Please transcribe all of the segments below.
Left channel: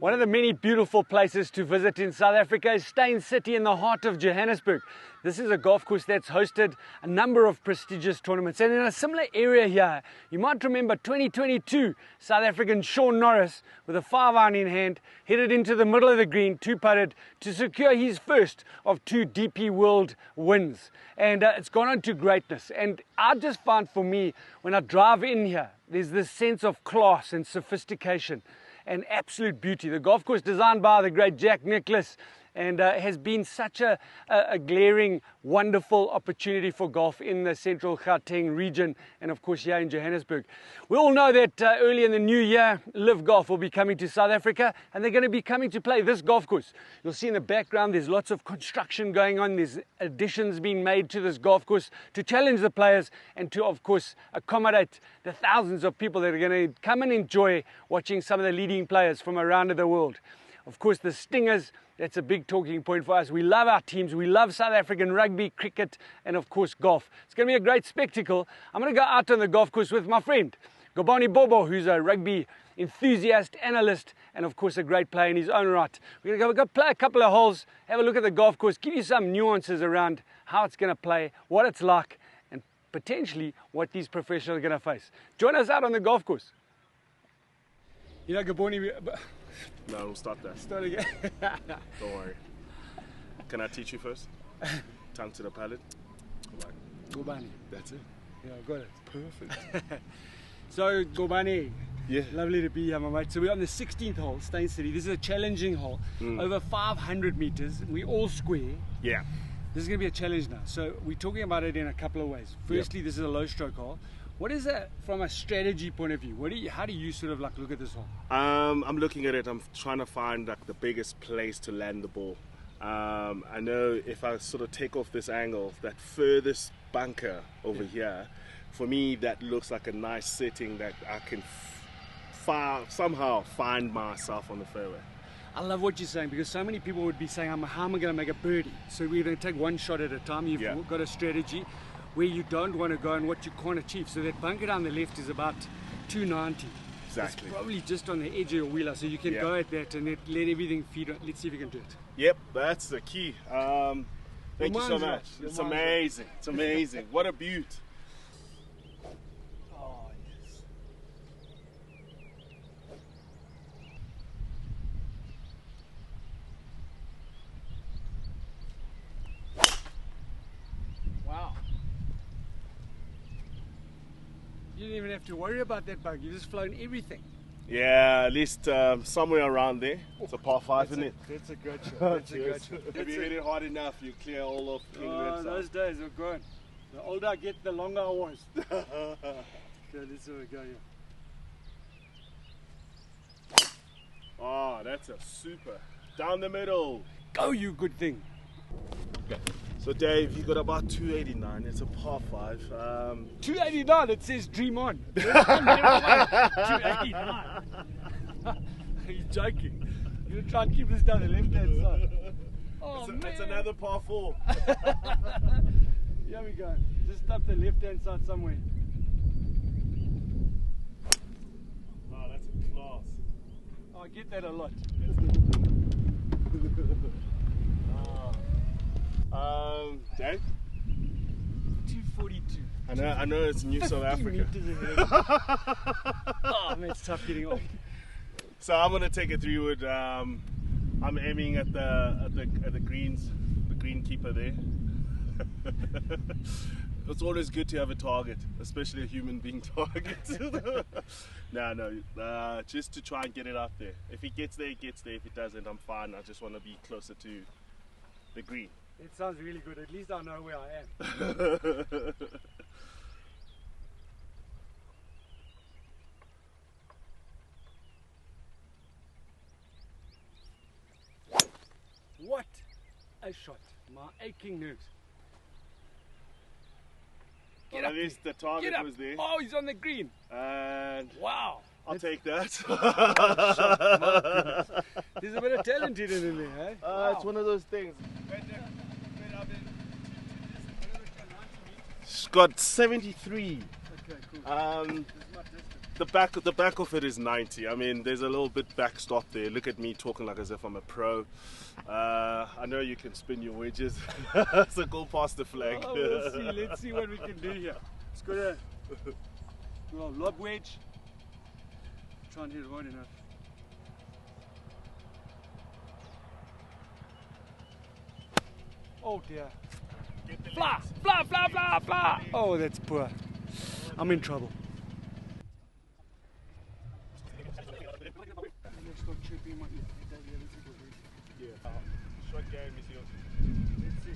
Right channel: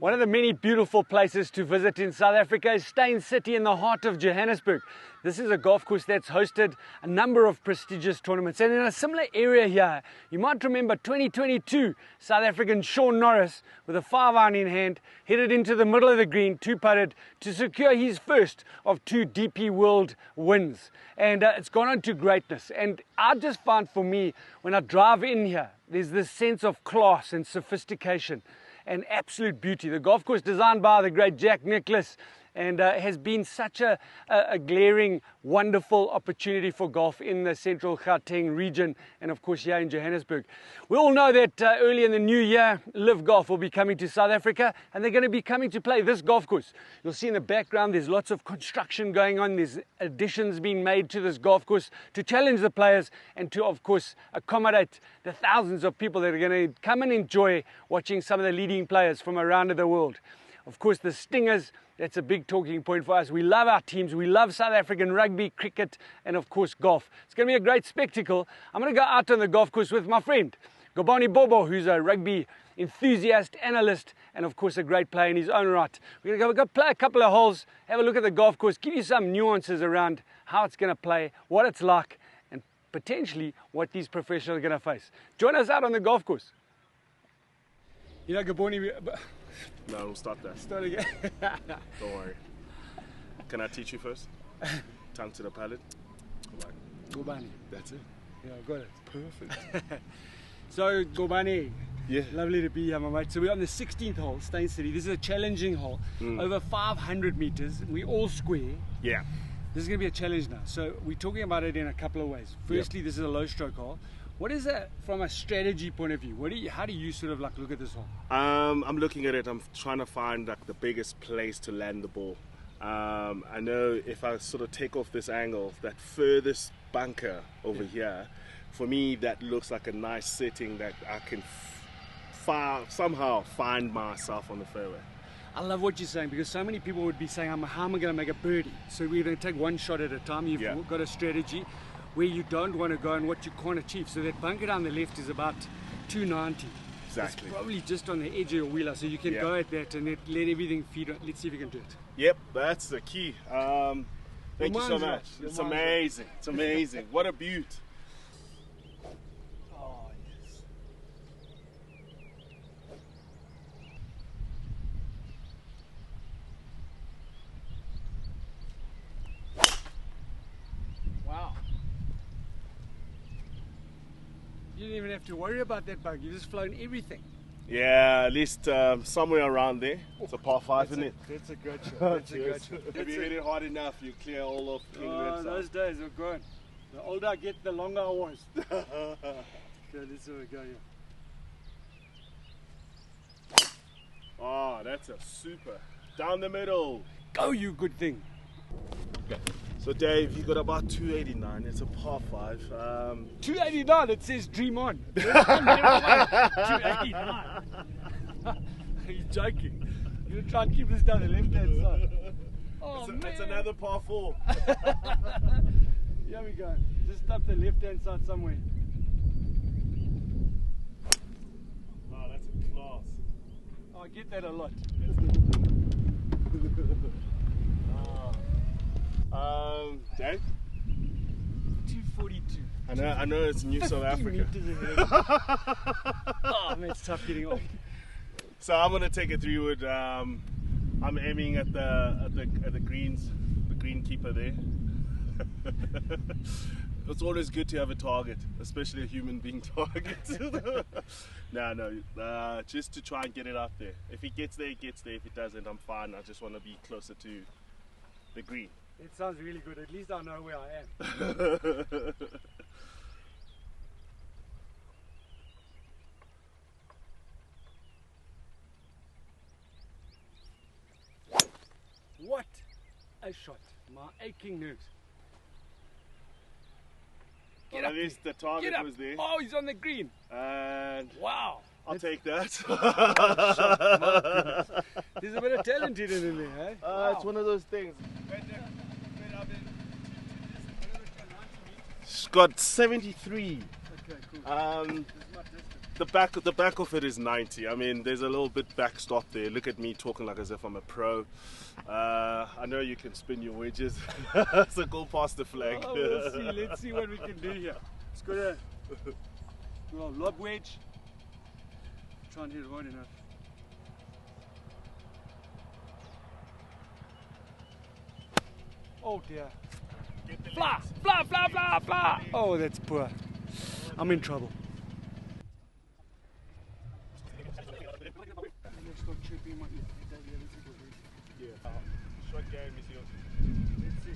One of the many beautiful places to visit in South Africa is Steyn City in the heart of Johannesburg. This is a golf course that's hosted a number of prestigious tournaments. And in a similar area here, you might remember 2022, South African Shaun Norris, with a 5-iron in hand, headed into the middle of the green, 2-putted, to secure his first of 2 DP World wins. And it's gone on to greatness. And I just find, for me, when I drive in here, there's this sense of class and sophistication and absolute beauty. The golf course designed by the great Jack Nicklaus and has been such a glaring, wonderful opportunity for golf in the central Gauteng region and of course here in Johannesburg. We all know that early in the new year, LIV Golf will be coming to South Africa and they're going to be coming to play this golf course. You'll see in the background there's lots of construction going on, there's additions being made to this golf course to challenge the players and to of course accommodate the thousands of people that are going to come and enjoy watching some of the leading players from around the world. Of course, the Stingers, that's a big talking point for us. We love our teams. We love South African rugby, cricket, and of course, golf. It's going to be a great spectacle. I'm going to go out on the golf course with my friend, Gcobani Bobo, who's a rugby enthusiast, analyst, and of course, a great player in his own right. We're going to go play a couple of holes, have a look at the golf course, give you some nuances around how it's going to play, what it's like, and potentially what these professionals are going to face. Join us out on the golf course. You know, Gcobani... No, we'll start there. Start again. Don't worry. Can I teach you first? Tongue to the palate. Gcobani. That's it. Yeah, I got it. Perfect. So, Gcobani. Yeah. Lovely to be here, my mate. So we're on the 16th hole, Steyn City. This is a challenging hole. Over 500 meters. We all square. Yeah. This is going to be a challenge now. So we're talking about it in a couple of ways. Firstly, This is a low stroke hole. What is that from a strategy point of view? How do you sort of like look at this hole? I'm looking at it. I'm trying to find like the biggest place to land the ball. I know if I sort of take off this angle, that furthest bunker over here, for me that looks like a nice setting that I can somehow find myself on the fairway. I love what you're saying because so many people would be saying, how am I going to make a birdie? So we're going to take one shot at a time. You've got a strategy where you don't want to go and what you can't achieve. So that bunker down the left is about 290. Exactly. It's probably just on the edge of your wheeler, so you can go at that and let everything feed on. Let's see if you can do it. Yep, that's the key. Thank you so much. It's amazing. It's amazing. What a beaut. Oh, yes. Wow. You didn't even have to worry about that bug. You just flown everything. Yeah, at least somewhere around there. It's a par 5, isn't it? That's a good shot. That's a good shot. If you hit it hard enough, you clear all of England. Those days are gone. The older I get, the longer I was. Okay, let's see where we go here. Oh, that's a super. Down the middle. Go, you good thing. Okay. So Dave, you got about 289. It's a par 5. 289. It says dream on. 289. Are you joking? You're gonna try and keep this down the left-hand side. Oh man! It's another par 4. Here we go. Just up the left-hand side somewhere. Oh, that's a class. Oh, I get that a lot. Dave? 242. I know it's New South Africa. Oh man, it's tough getting off. So I'm gonna take a 3-wood. I'm aiming at the greens, the greenkeeper there. It's always good to have a target, especially a human being target. No, just to try and get it out there. If it gets there, it gets there. If it doesn't, I'm fine. I just want to be closer to the green. It sounds really good. At least I know where I am. What a shot. My aching nerves. Well, at least the target was there. Oh, he's on the green. And wow. I'll take that. There's a bit of talent hidden in there, eh? Wow. It's one of those things. It's got 73. Okay, cool. the back of it is 90. I mean, there's a little bit backstop there. Look at me talking like as if I'm a pro. I know you can spin your wedges, so go past the flag. Oh, we'll see. Let's see what we can do here. It's got a lob wedge. Try and hit it wide enough. Oh dear. Fly, fly, fly, fly, fly. Oh, that's poor. I'm in trouble. Short game is yours. Let's see.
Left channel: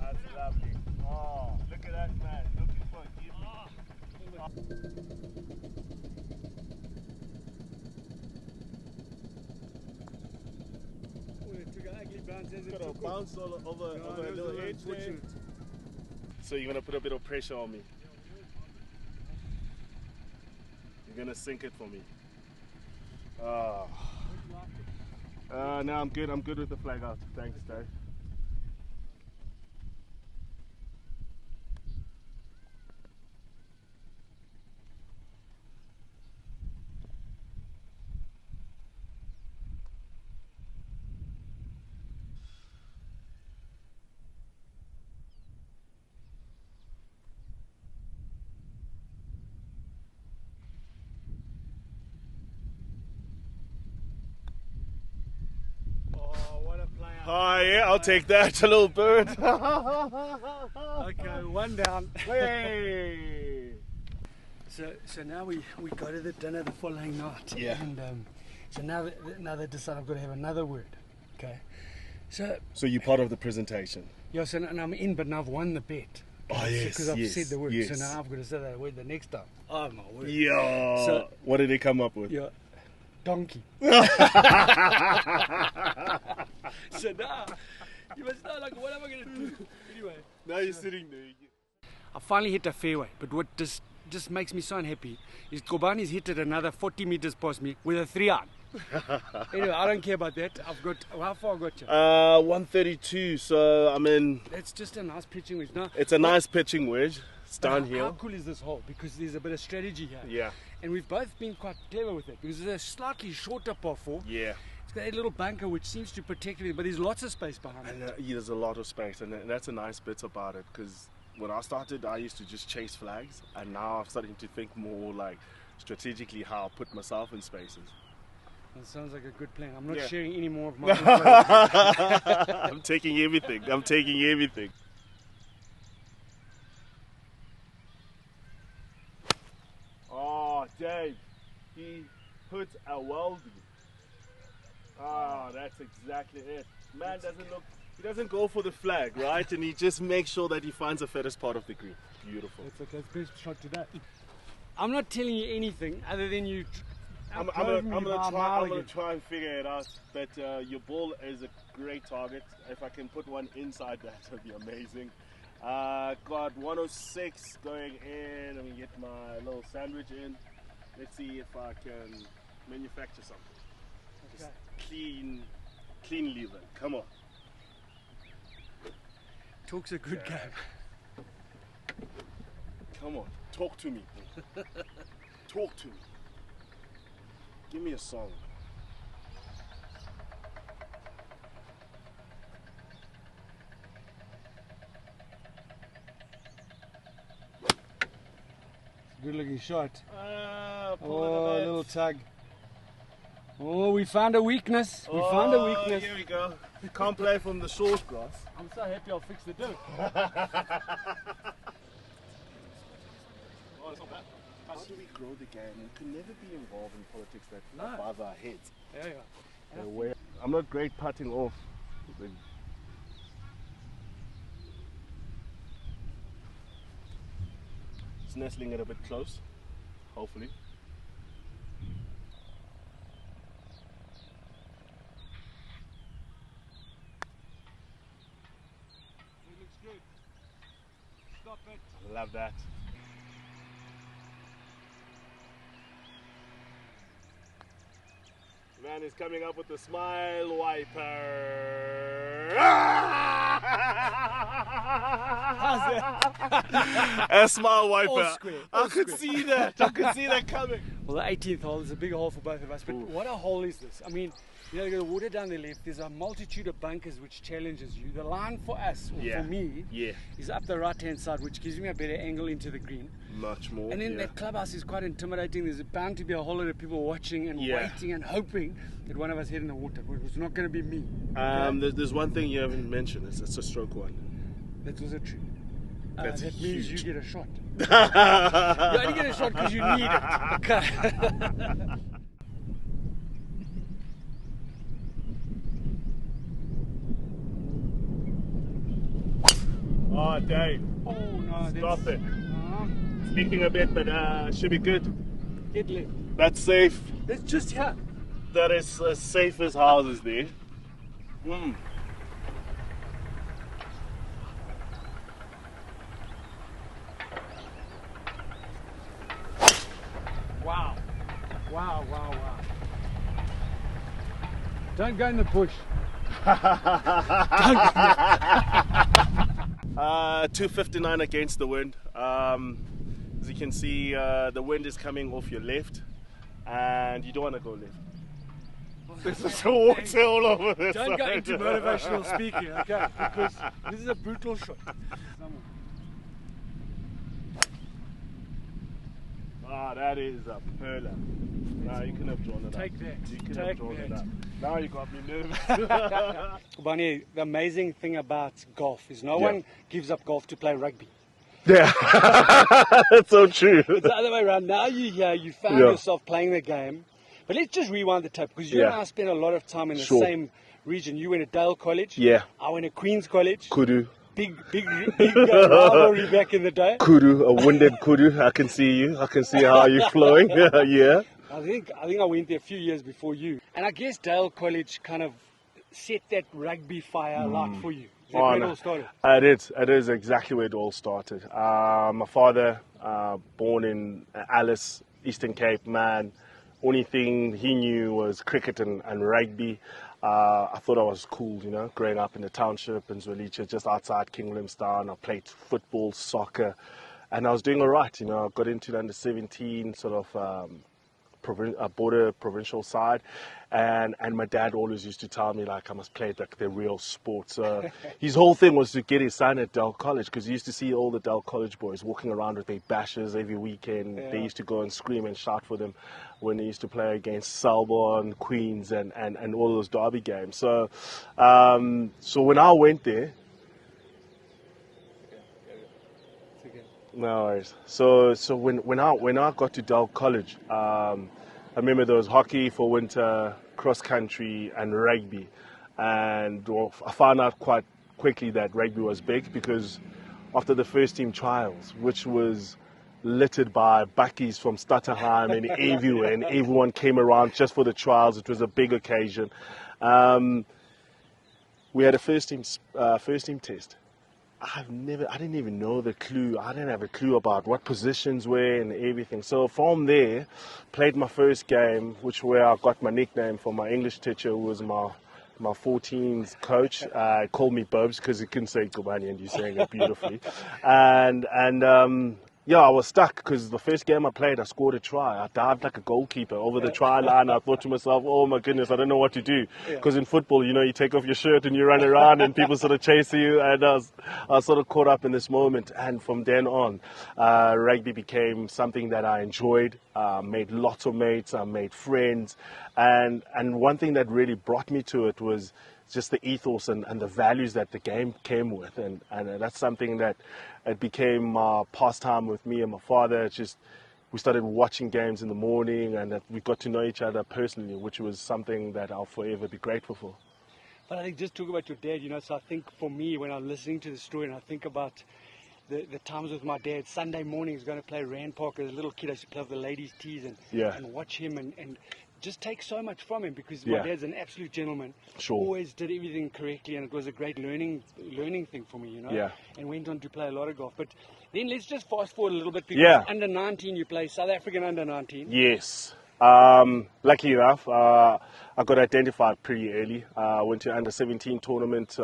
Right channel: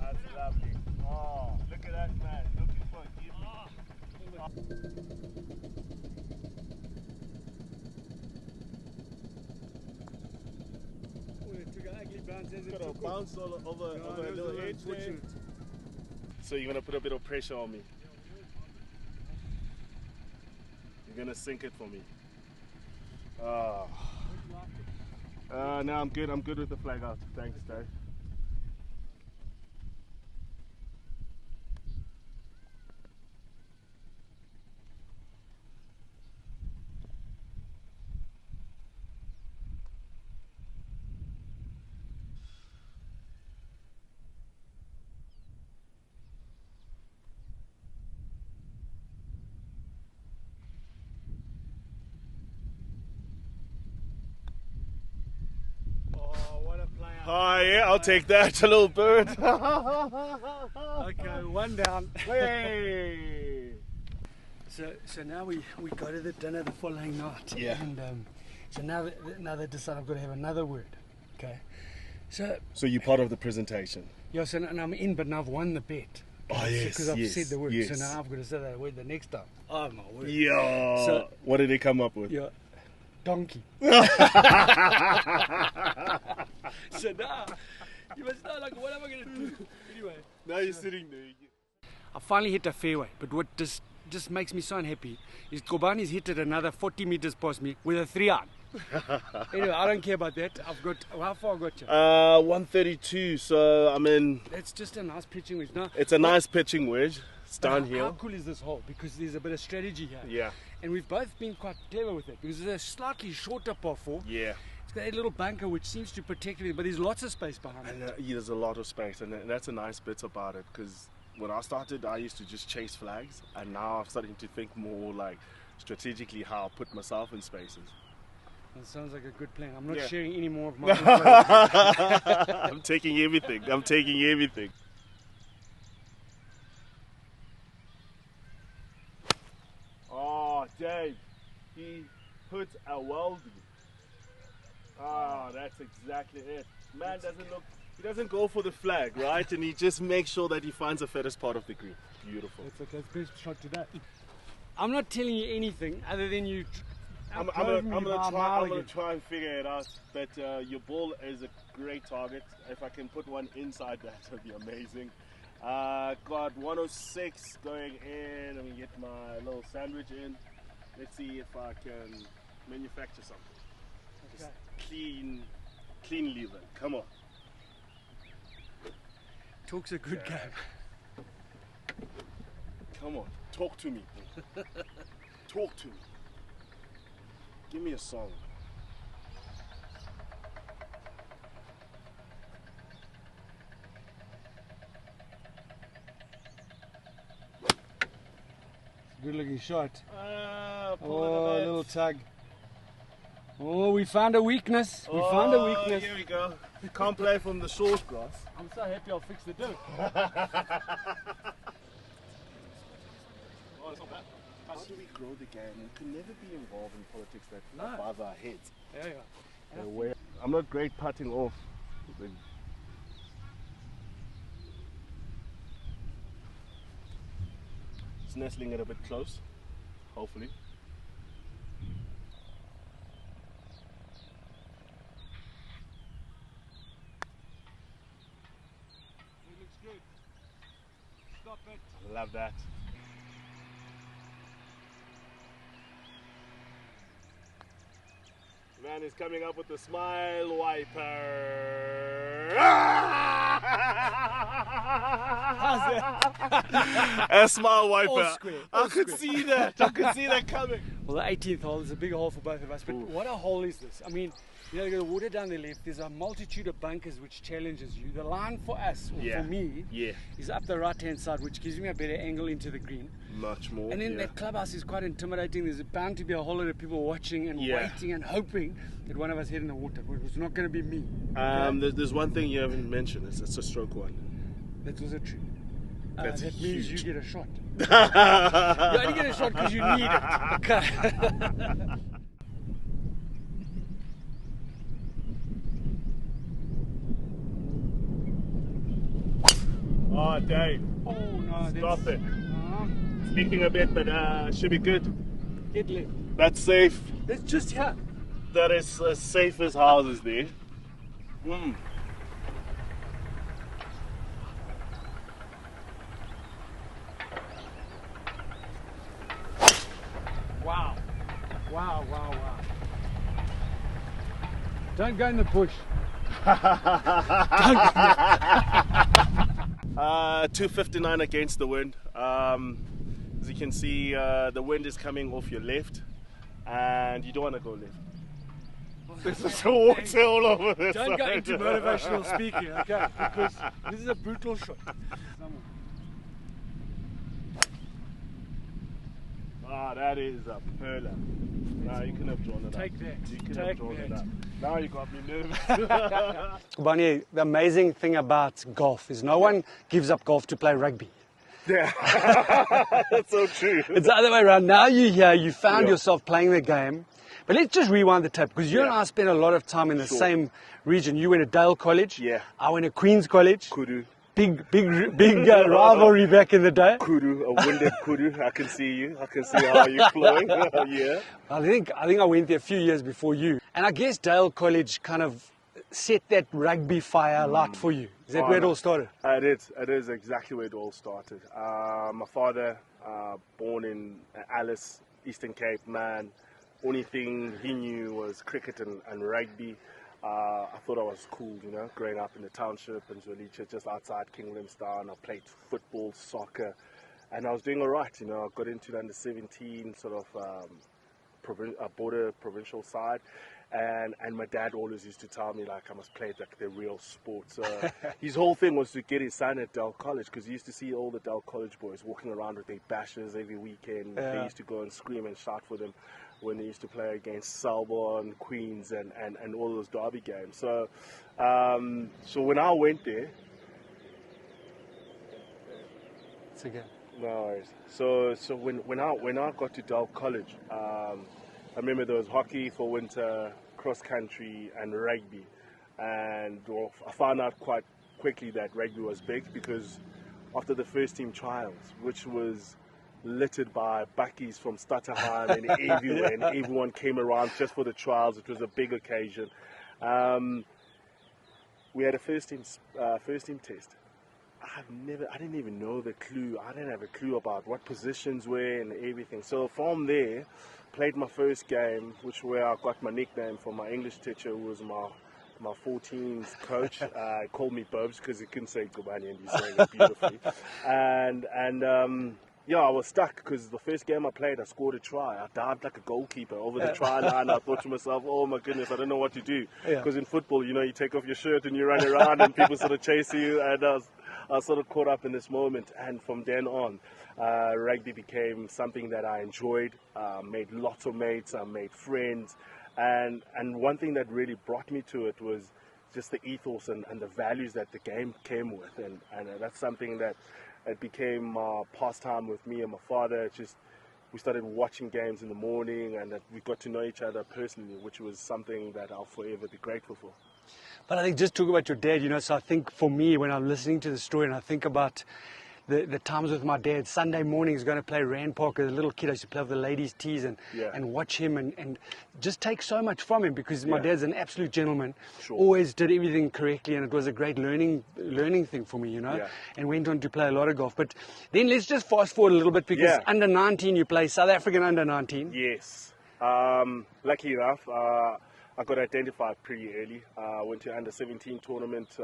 That's lovely. Oh, look at that man. Looking for a give me. Oh, it took an ugly bounce as it Got a took bounce all over a little edge there. So you're gonna put a bit of pressure on me. You're gonna sink it for me. No, I'm good. I'm good with the flag out. Thanks, Dave. Oh yeah, I'll take that, a little bird. Okay, one down. Hey. So now we go to the dinner the following night. Yeah. And so now they decide I've got to have another word. Okay. So So you're part of the presentation. yeah. So and I'm in, but now I've won the bet. Oh yes, Because I've yes, said the word. yes. So now I've got to say that word the next time. Oh my word. Yeah. So- what did they come up with? Yeah. Donkey. So now you must know, like, what am I going to do? Anyway. Now you're sitting there. I finally hit a fairway, but what just makes me so unhappy is Gcobani's hit it another 40 meters past me with a 3-iron. Anyway, I don't care about that. I've got, how far I got you? 132. So I mean, That's just a nice pitching wedge. No, it's a nice pitching wedge. It's but downhill. How cool is this hole? Because there's a bit of strategy here. Yeah. And we've both been quite clever with it because there's a slightly shorter par 4. Yeah. It's got a little bunker which seems to protect it, but there's lots of space behind it. And there's a lot of space, and that's a nice bit about it. Because when I started, I used to just chase flags, and now I'm starting to think more like strategically how I put myself in spaces. That sounds like a good plan. I'm not Yeah. sharing any more of my info. I'm taking everything. I'm taking everything. Oh, Dave, he put a welding. Ah, that's exactly it. Man doesn't look, he doesn't go for the flag, right? And he just makes sure that he finds the fairest part of the green. Beautiful. It's okay. It's best shot today. I'm not telling you anything other than you. I'm gonna try and figure it out. But your ball is a great target. If I can put one inside that, would be amazing. Got 106 going in. I'm gonna get my little sandwich in. Let's see if I can manufacture something. Okay. Just clean lever. Come on. Talk's a good game. Come on. Talk to me. Talk to me. Give me a song. Good looking shot. Oh, Oh, a little tug. Oh, we found a weakness. We found a weakness. Here we go. Can't play from the short grass. I'm so happy I'll fix the dirt. Oh, it's not bad. How do we grow the game? We can never be involved in politics that No. above our heads. Yeah. I'm not great putting off. It's nestling it a bit close, hopefully. It looks good. Stop it. I love that. Man is coming up with the smile wiper. How's that? A smile wiper. All square, all I could square. see that. I could see that coming. Well, the 18th hole is a big hole for both of us, but Ooh. what a hole is this? I mean, you know, you got the water down the left, there's a multitude of bunkers which challenges you. The line for us, or for me, is up the right-hand side, which gives me a better angle into the green. Much more. And then that clubhouse is quite intimidating. There's bound to be a whole lot of people watching and waiting and hoping that one of us hit in the water, but it was not going to be me. There's one thing you haven't mentioned. It's a stroke one. That's also true. That's that means huge. you get a shot. You only get a shot because you need it. Okay. Oh, Dave. Oh, no. Stop it. Leaking a bit, but should be good. Get left. That's safe. That's just here. That is as safe as houses there. Wow. Wow, wow, wow. Don't go in the bush. 259 against the wind. As you can see, the wind is coming off your left, and you don't want to go left. There's just water all over this. Don't go into motivational speaking, okay? Because this is a brutal shot. Ah, that is a perler. Nah, you can have drawn it Take up. that. You can Take have drawn it that. up. Now you got me nervous. Gcobani, the amazing thing about golf is no one gives up golf to play rugby. Yeah, that's so true. It's the other way around. Now you're here, you found yourself playing the game. But let's just rewind the tape, because you and I spent a lot of time in the same region. You went to Dale College. Yeah. I went to Queen's College. Kudu. Big rivalry back in the day. Kudu, a winded kudu. I can see you. I can see how you're flowing. Yeah. I think I went there a few years before you. And I guess Dale College kind of set that rugby fire alight for you. Is that where it all started? It is exactly where it all started. My father, born in Alice, Eastern Cape, man. Only thing he knew was cricket and rugby. I thought I was cool, you know, growing up in the township in Zwelice, just outside King Williamstown. I played football, soccer, and I was doing all right, you know. I got into the under 17 sort of border provincial side, and my dad always used to tell me, like, I must play like the real sport. So his whole thing was to get his son at Dale College, because he used to see all the Dale College boys walking around with their bashes every weekend. They used to go and scream and shout for them when they used to play against Selborne, Queens, and all those derby games. So so when I went there, It's okay. no worries. So when I got to Dale College, I remember there was hockey for winter, cross country, and rugby. And I found out quite quickly that rugby was big, because after the first team trials, which was littered by buckies from Stutterheim and everywhere, and everyone came around just for the trials. It was a big occasion. We had a first team test. I didn't even know the clue. I didn't have a clue about what positions were and everything. So from there, played my first game, where I got my nickname from my English teacher, who was my 14's coach. Called me Bobs because he couldn't say Gcobani, and he's saying it beautifully. Yeah, I was stuck, because the first game I played, I scored a try. I dived like a goalkeeper over the try line. I thought to myself, oh my goodness, I don't know what to do. Because in football, you know, you take off your shirt and you run around and people sort of chase you. And I was sort of caught up in this moment. And from then on, rugby became something that I enjoyed. Made lots of mates, I made friends. And one thing that really brought me to it was just the ethos and the values that the game came with. And that's something that it became pastime with me and my father. We started watching games in the morning, and that we got to know each other personally, which was something that I'll forever be grateful for. But I think, just talk about your dad, you know, so I think for me, when I'm listening to the story and I think about the times with my dad, Sunday mornings going to play Rand Park as a little kid, I used to play with the ladies' tees and watch him and just take so much from him, because my dad's an absolute gentleman, always did everything correctly, and it was a great learning thing for me, you know, and went on to play a lot of golf. But then let's just fast forward a little bit, because under 19, you play South African under 19. Yes. Lucky enough, I got identified pretty early. I went to under-17 tournament.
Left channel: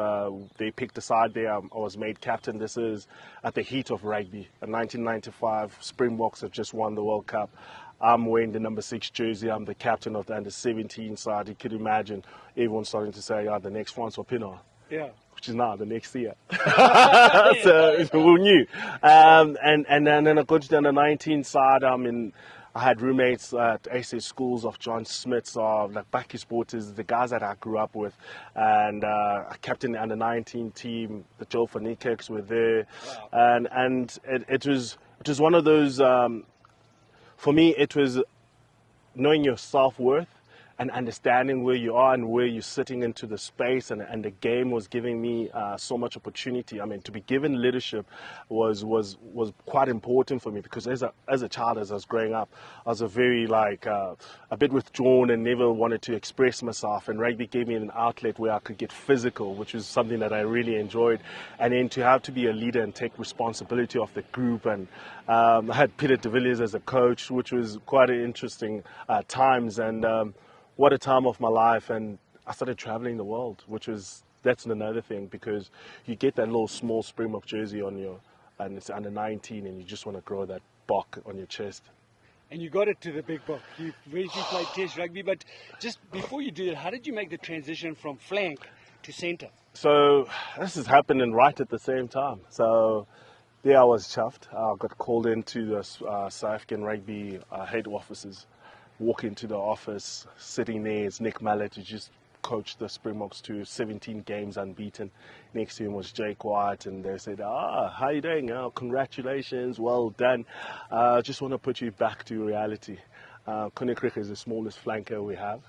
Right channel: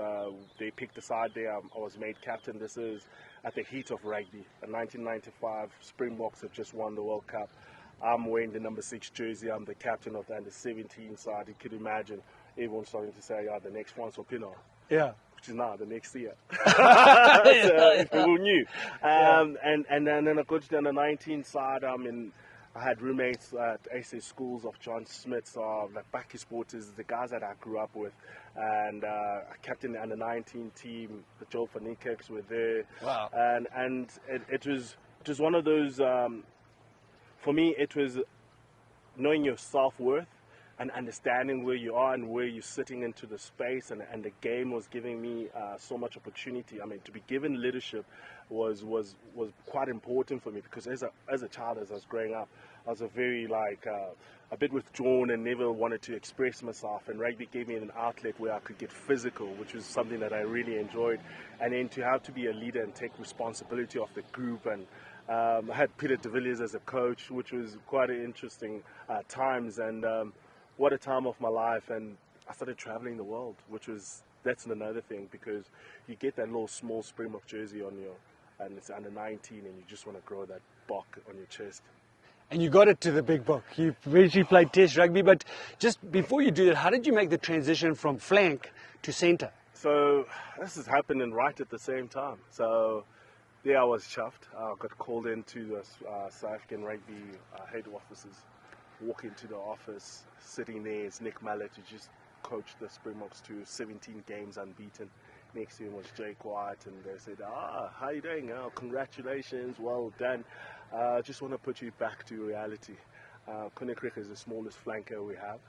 They picked a side there. I was made captain. This is at the heat of rugby. In 1995, Springboks have just won the World Cup. I'm wearing the number 6 jersey. I'm the captain of the under-17 side. You could imagine everyone starting to say, the next one's for Pienaar. Yeah. Which is now the next year. So who knew? And then I got to the under-19 side. I had roommates at AC schools of John Smiths, like Bakkie Sporters, the guys that I grew up with. And I captained the under-19 team. The Joel van Niekerks were there. Wow. And it was one of those, for me, it was knowing your self-worth and understanding where you are and where you're sitting into the space, and the game was giving me so much opportunity. I mean, to be given leadership was quite important for me, because as a child, as I was growing up, I was a very a bit withdrawn and never wanted to express myself, and rugby gave me an outlet where I could get physical, which was something that I really enjoyed. And then to have to be a leader and take responsibility of the group, and I had Peter de Villiers as a coach, which was quite an interesting times, and what a time of my life. And I started traveling the world, that's another thing, because you get that little small Springbok jersey on you, and it's under 19, and you just want to grow that bok on your chest. And you got it to the big bok. You eventually played Test rugby, but just before you do that, how did you make the transition from flank to centre? So this is happening right at the same time. So there I was chuffed. I got called into the South African rugby head offices. Walk into the office, sitting there is Nick Mallett, who just coached the Springboks to 17 games unbeaten. Next to him was Jay Quiet, and they said, how you doing? Congratulations, well done. Just want to put you back to reality. Koninkryg is the smallest flanker we have,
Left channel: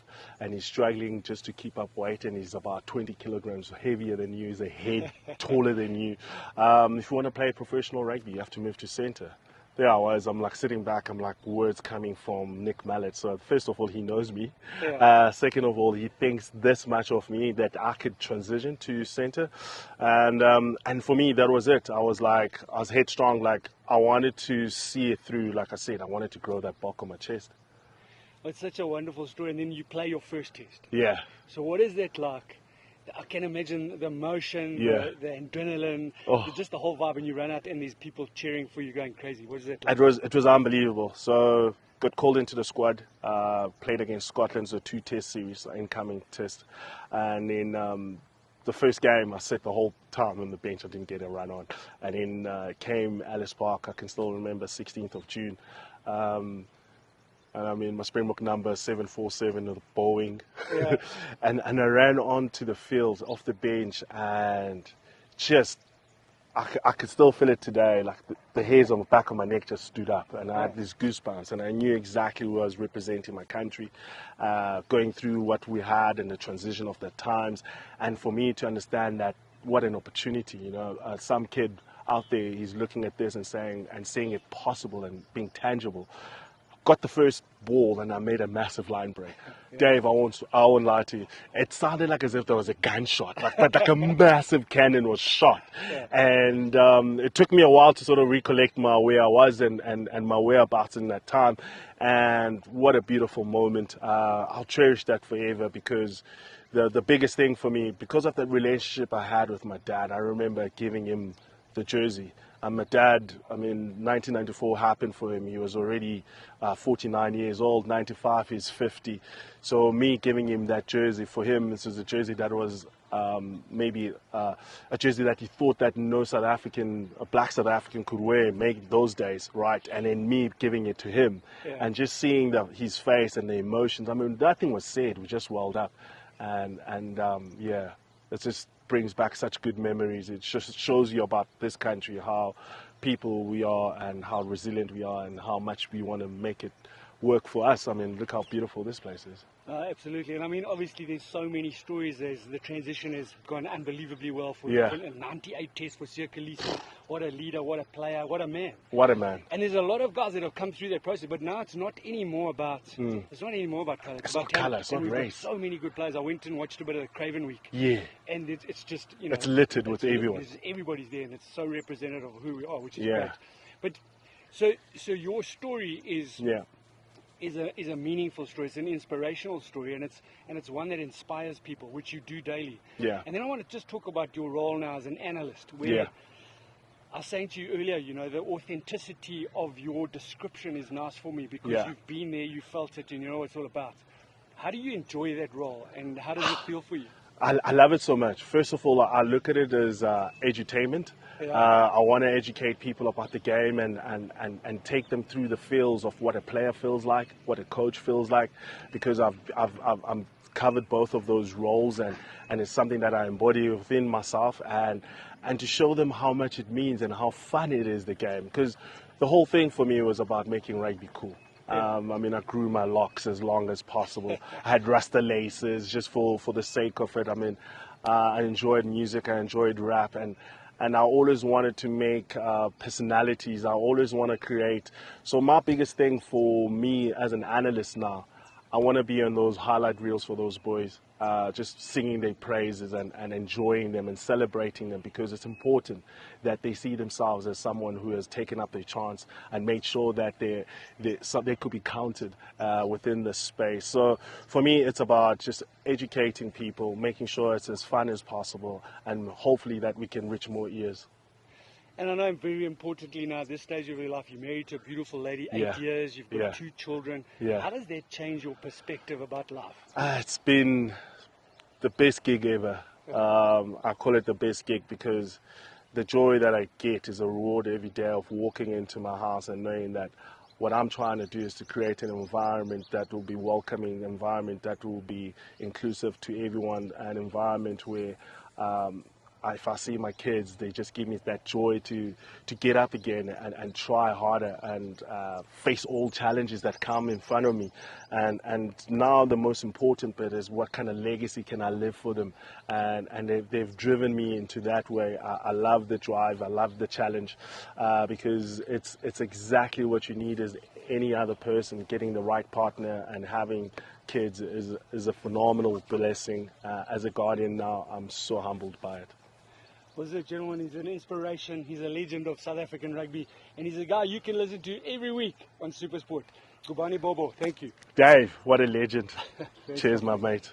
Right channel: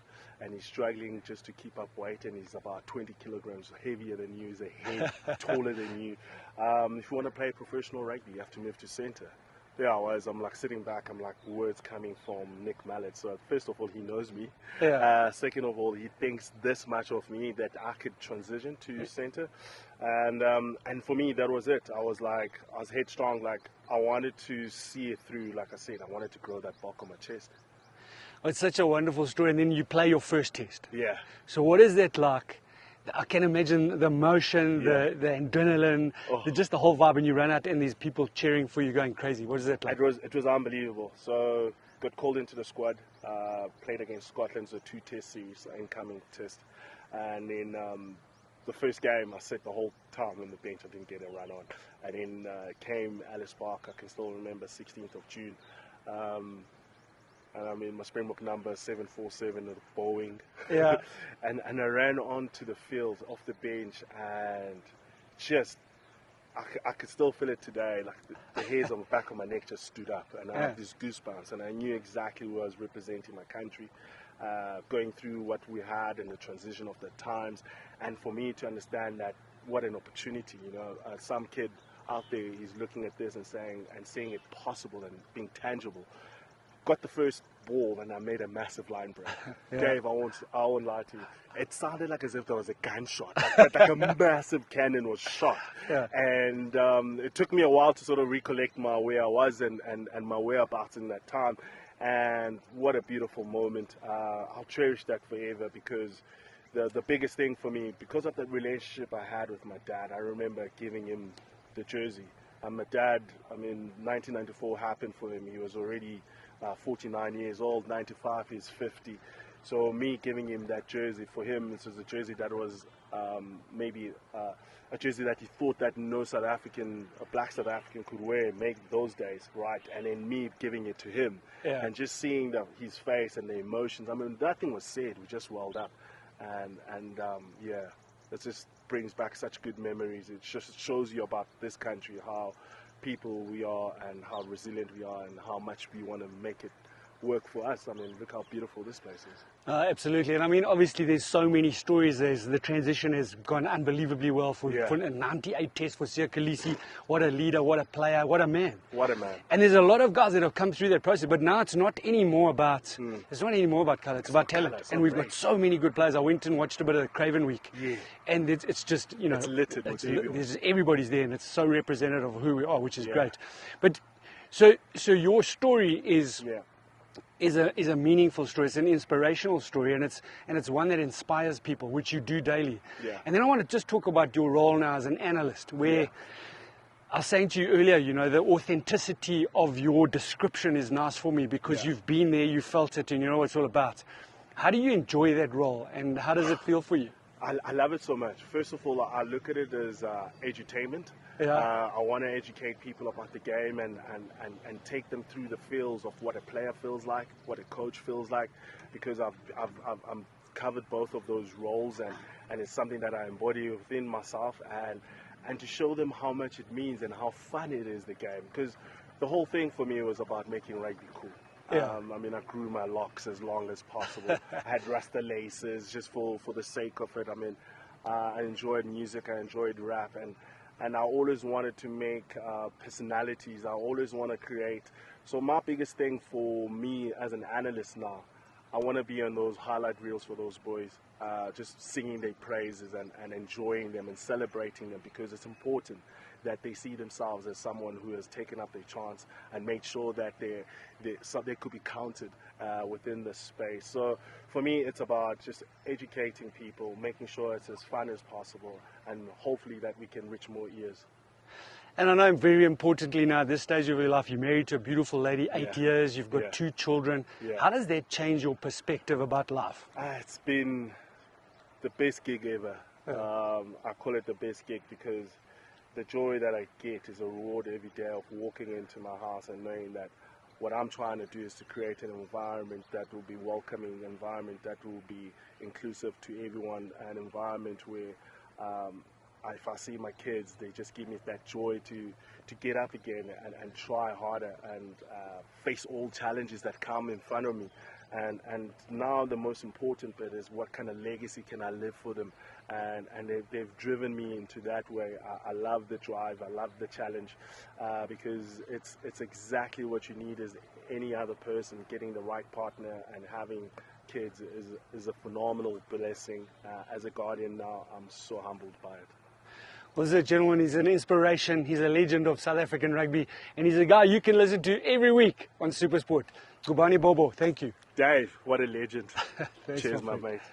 and he's struggling just to keep up weight, and he's about 20 kilograms heavier than you, he's a head taller than you. If you want to play professional rugby, you have to move to centre. There I was, I'm like sitting back, I'm like, words coming from Nick Mallett. So first of all, he knows me. Yeah. Second of all, he thinks this much of me that I could transition to centre. And for me, that was it. I was headstrong, I wanted to see it through. Like I said, I wanted to grow that bok on my chest. It's such a wonderful story. And then you play your first test. Yeah. So what is that like? I can imagine the emotion, the adrenaline, just the whole vibe, and you run out and these people cheering for you, going crazy. What is that like? It was unbelievable. So got called into the squad, played against Scotland, so 2 test series, incoming test. And then the first game, I sat the whole time on the bench. I didn't get a run on. And then came Alice Park, I can still remember, 16th of June. And I mean, my Springbok number 747 with Boeing. Yeah. and I ran onto the field off the bench, and just, I could still feel it today. Like the hairs on the back of my neck just stood up, and I had these goosebumps, and I knew exactly who I was representing my country, going through what we had and the transition of the times. And for me to understand that, what an opportunity, some kid out there, he's looking at this and seeing it possible and being tangible. Got the first ball and I made a massive line break. Dave, I won't lie to you. It sounded like as if there was a gunshot, like a massive cannon was shot. Yeah. And it took me a while to sort of recollect where I was and my whereabouts in that time. And what a beautiful moment. I'll cherish that forever, because the biggest thing for me, because of that relationship I had with my dad, I remember giving him the jersey. My dad, 1994 happened for him. He was already 49 years old. 95, he's 50. So me giving him that jersey, for him, this was a jersey that was maybe a jersey that he thought that no South African, a black South African could wear, make those days, right? And then me giving it to him, and just seeing his face and the emotions. Nothing was said. We just welled up, and it just brings back such good memories. It just shows you about this country, how people we are and how resilient we are and how much we want to make it work for us. Look how beautiful this place is. Absolutely. And obviously there's so many stories. The transition has gone unbelievably well for a 98 test for Siya Kolisi. What a leader, what a player, what a man. What a man. And there's a lot of guys that have come through that process, but now it's not anymore about it's not anymore about colour, it's about talent. And we've got so many good players. I went and watched a bit of the Craven Week. Yeah. And it's just, it's littered with everyone. Everybody's there, and it's so representative of who we are, which is great. But so your story is is a meaningful story. It's an inspirational story, and it's one that inspires people, which you do daily. Yeah. And then I want to just talk about your role now as an analyst, where I was saying to you earlier, you know, the authenticity of your description is nice for me because you've been there, you felt it, and you know what it's all about. How do you enjoy that role, and how does it feel for you? I love it so much. First of all, I look at it as edutainment. Yeah. I want to educate people about the game and take them through the feels of what a player feels like, what a coach feels like, because I'm covered both of those roles, and it's something that I embody within myself, and to show them how much it means and how fun it is, the game. Because the whole thing for me was about making rugby cool. I mean, I grew my locks as long as possible. I had Rasta laces just for the sake of it. I mean, I enjoyed music, I enjoyed rap, and I always wanted to make personalities. I always want to create. So my biggest thing for me as an analyst now, I want to be on those highlight reels for those boys, just singing their praises and enjoying them and celebrating them, because it's important that they see themselves as someone who has taken up their chance and made sure that they could be counted within the space. So for me, it's about just educating people, making sure it's as fun as possible, and hopefully that we can reach more ears. And I know, very importantly now, at this stage of your life, you're married to a beautiful lady, 8 years, you've got 2 children. How does that change your perspective about life? It's been the best gig ever. I call it the best gig because the joy that I get is a reward every day of walking into my house and knowing that what I'm trying to do is to create an environment that will be welcoming, an environment that will be inclusive to everyone, an environment where if I see my kids, they just give me that joy to get up again and try harder and face all challenges that come in front of me. And now the most important bit is what kind of legacy can I leave for them. And they've driven me into that way. I love the drive, I love the challenge, because it's exactly what you need as any other person. Getting the right partner and having kids is a phenomenal blessing. As a guardian now, I'm so humbled by it. Well, this gentleman is an inspiration. He's a legend of South African rugby, and he's a guy you can listen to every week on SuperSport. Gcobani Bobo, thank you. Dave, what a legend. Cheers, my mate.